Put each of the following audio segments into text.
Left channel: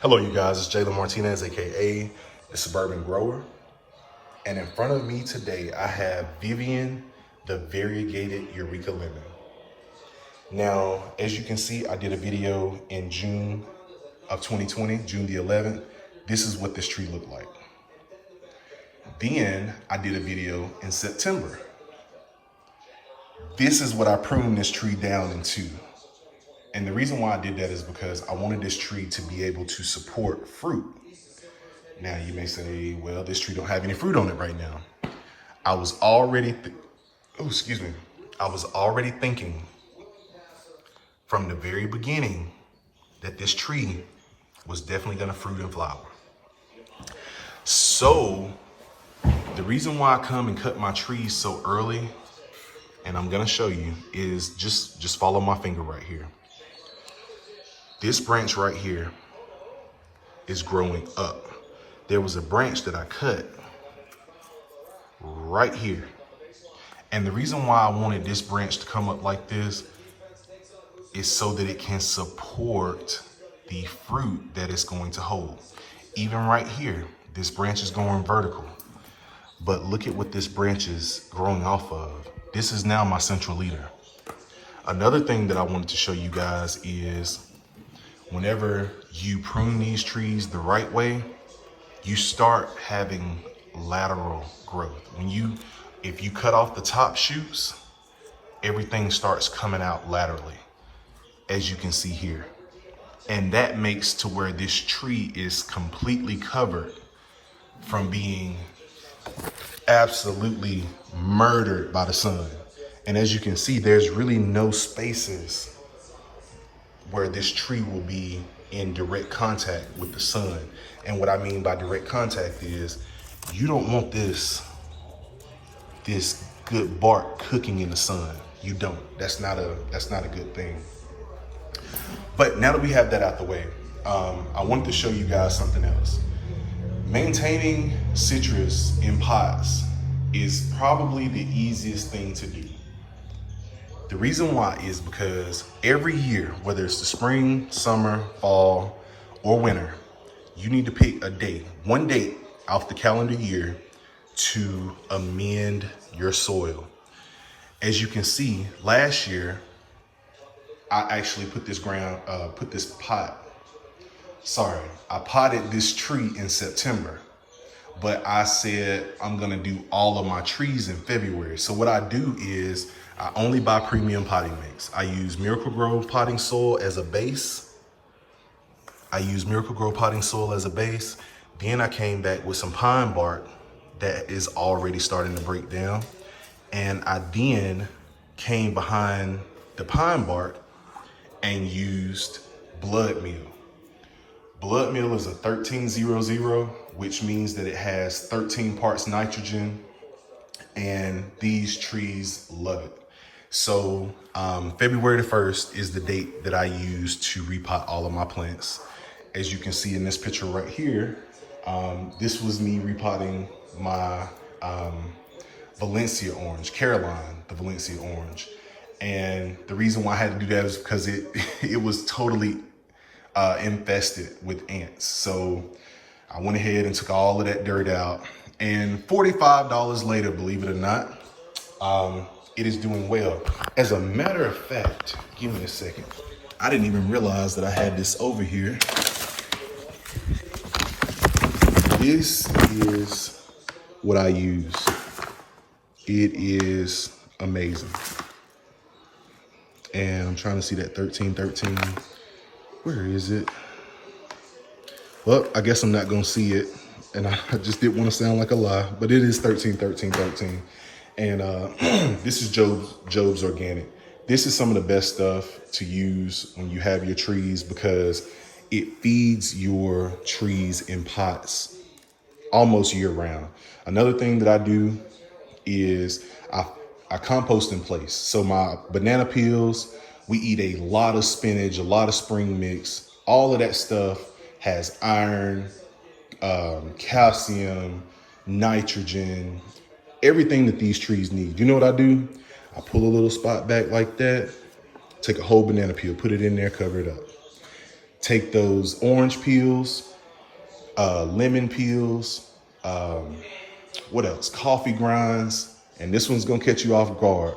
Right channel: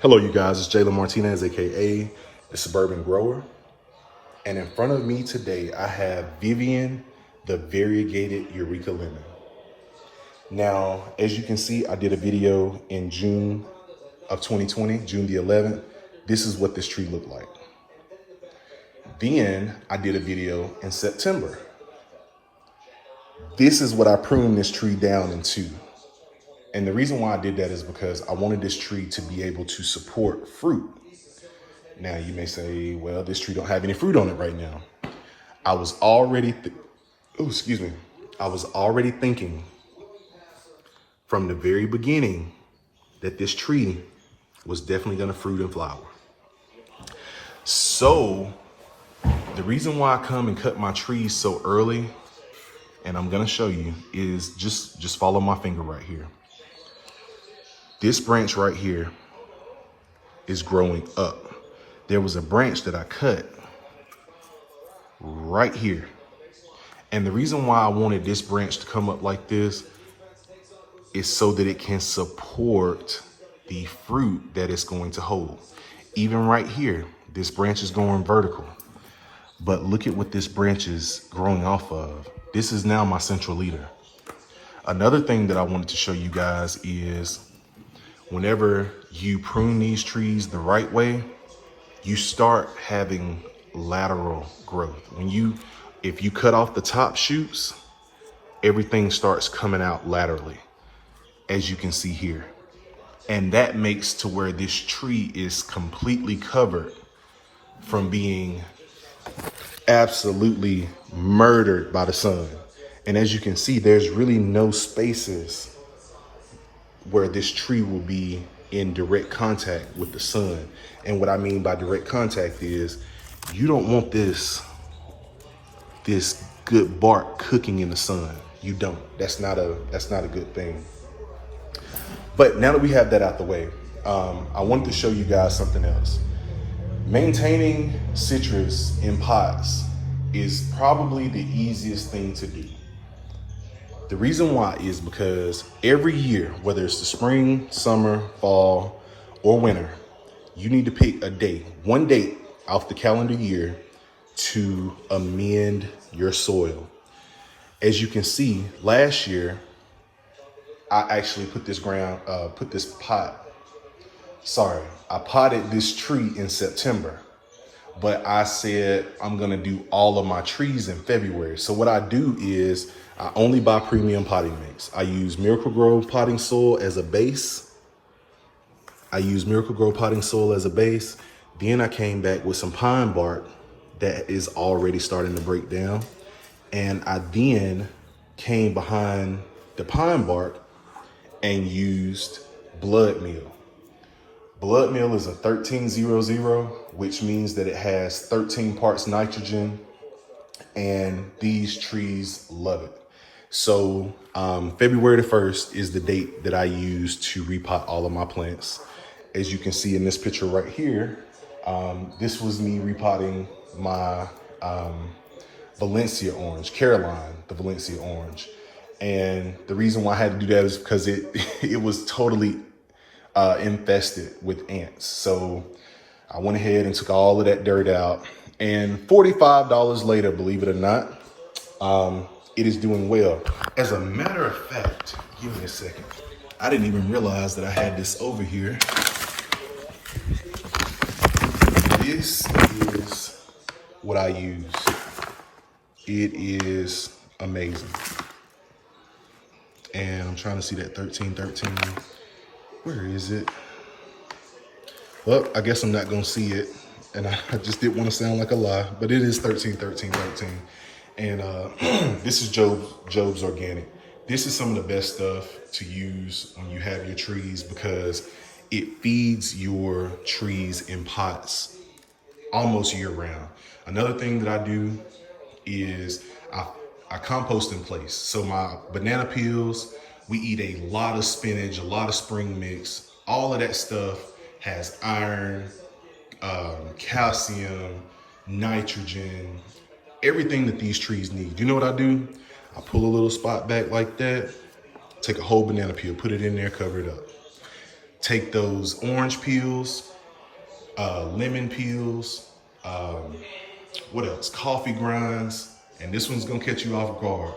Hello, you guys. It's Jalen Martinez, aka the Suburban Grower. And in front of me today, I have Vivian, the Variegated Eureka Lemon. Now, as you can see, I did a video in June of 2020, June the 11th. This is what this tree looked like. Then I did a video in September. This is what I pruned this tree down into. And the reason why I did that is because I wanted this tree to be able to support fruit. Now you may say, well, this tree don't have any fruit on it right now. I was already thinking from the very beginning that this tree was definitely gonna fruit and flower. So the reason why I come and cut my trees so early, and I'm gonna show you, is just follow my finger right here. This branch right here is growing up. There was a branch that I cut right here. And the reason why I wanted this branch to come up like this is so that it can support the fruit that it's going to hold. Even right here, this branch is going vertical. But look at what this branch is growing off of. This is now my central leader. Another thing that I wanted to show you guys is whenever you prune these trees the right way, you start having lateral growth. If you cut off the top shoots, everything starts coming out laterally, as you can see here. And that makes to where this tree is completely covered from being absolutely murdered by the sun. And as you can see, there's really no spaces where this tree will be in direct contact with the sun. And what I mean by direct contact is you don't want this good bark cooking in the sun. You don't. That's not a good thing. But now that we have that out the way, I wanted to show you guys something else. Maintaining citrus in pots is probably the easiest thing to do. The reason why is because every year, whether it's the spring, summer, fall, or winter, you need to pick a day, one date off the calendar year to amend your soil. As you can see, last year, I actually I potted this tree in September, but I said I'm gonna do all of my trees in February. So what I do is I only buy premium potting mix. I use Miracle Grow potting soil as a base. Then I came back with some pine bark that is already starting to break down. And I then came behind the pine bark and used blood meal. Blood meal is a 1300, which means that it has 13 parts nitrogen, and these trees love it. So February the 1st is the date that I use to repot all of my plants. As you can see in this picture right here, this was me repotting my Valencia orange, Caroline, the Valencia orange. And the reason why I had to do that is because it was totally infested with ants. So I went ahead and took all of that dirt out. And $45 later, believe it or not, it is doing well. As a matter of fact, give me a second. I didn't even realize that I had this over here. This is what I use. It is amazing. And I'm trying to see that 1313. Where is it? Well, I guess I'm not gonna see it. And I just didn't want to sound like a lie, but it is 131313. And this is Job's Organic. This is some of the best stuff to use when you have your trees because it feeds your trees in pots almost year round. Another thing that I do is I compost in place. So my banana peels, we eat a lot of spinach, a lot of spring mix. All of that stuff has iron, calcium, nitrogen, everything that these trees need. You know what I do? I pull a little spot back like that, take a whole banana peel, put it in there, cover it up. take those orange peels, lemon peels, what else? Coffee grinds, and this one's gonna catch you off guard.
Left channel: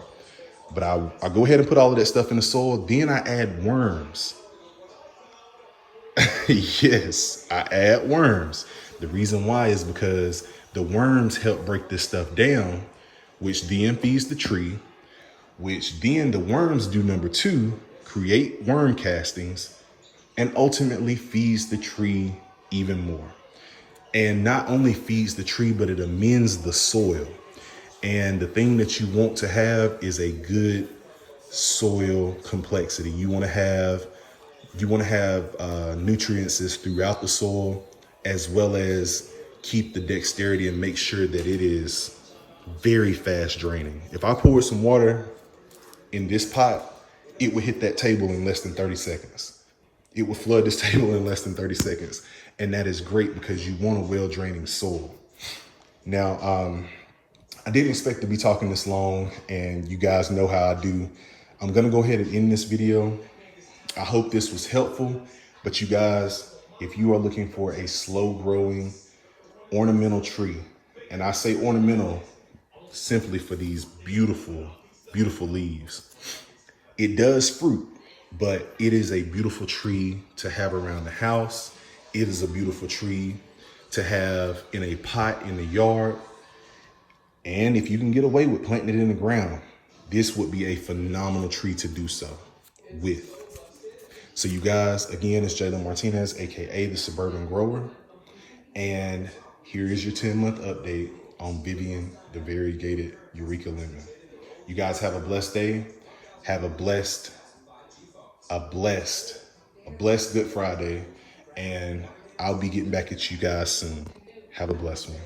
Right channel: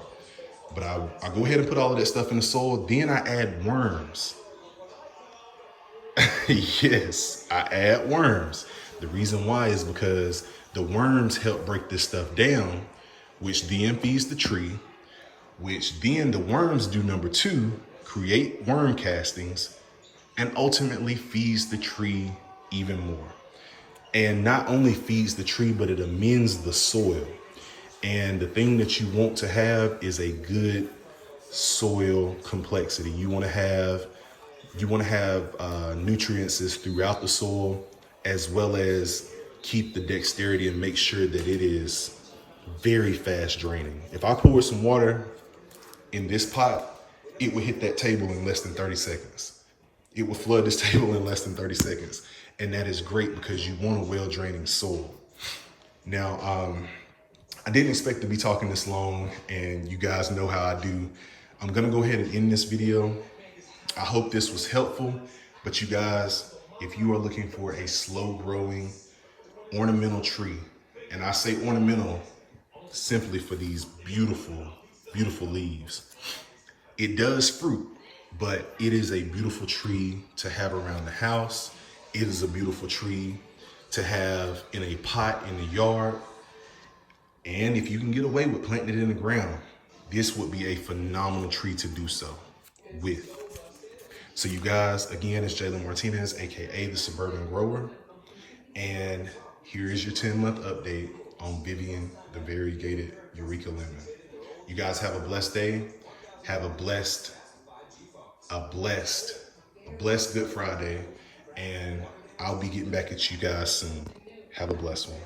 But I go ahead and put all of that stuff in the soil. Then I add worms. Yes, I add worms. The reason why is because the worms help break this stuff down, which then feeds the tree, which then the worms do number two, create worm castings, and ultimately feeds the tree even more. And not only feeds the tree, but it amends the soil. And the thing that you want to have is a good soil complexity. You want to have nutrients throughout the soil, as well as keep the dexterity and make sure that it is very fast draining. If I pour some water in this pot, it would hit that table in less than 30 seconds. It will flood this table in less than 30 seconds. And that is great because you want a well-draining soil. Now, I didn't expect to be talking this long, and you guys know how I do. I'm gonna go ahead and end this video. I hope this was helpful, but you guys, if you are looking for a slow growing ornamental tree, and I say ornamental simply for these beautiful, beautiful leaves, it does fruit, but it is a beautiful tree to have around the house. It is a beautiful tree to have in a pot in the yard. And if you can get away with planting it in the ground, this would be a phenomenal tree to do so with. So you guys, again, it's Jalen Martinez, AKA the Suburban Grower. And here is your 10-month update on Vivian, the Variegated Eureka Lemon. You guys have a blessed day. Have a blessed Good Friday. And I'll be getting back at you guys soon. Have a blessed one.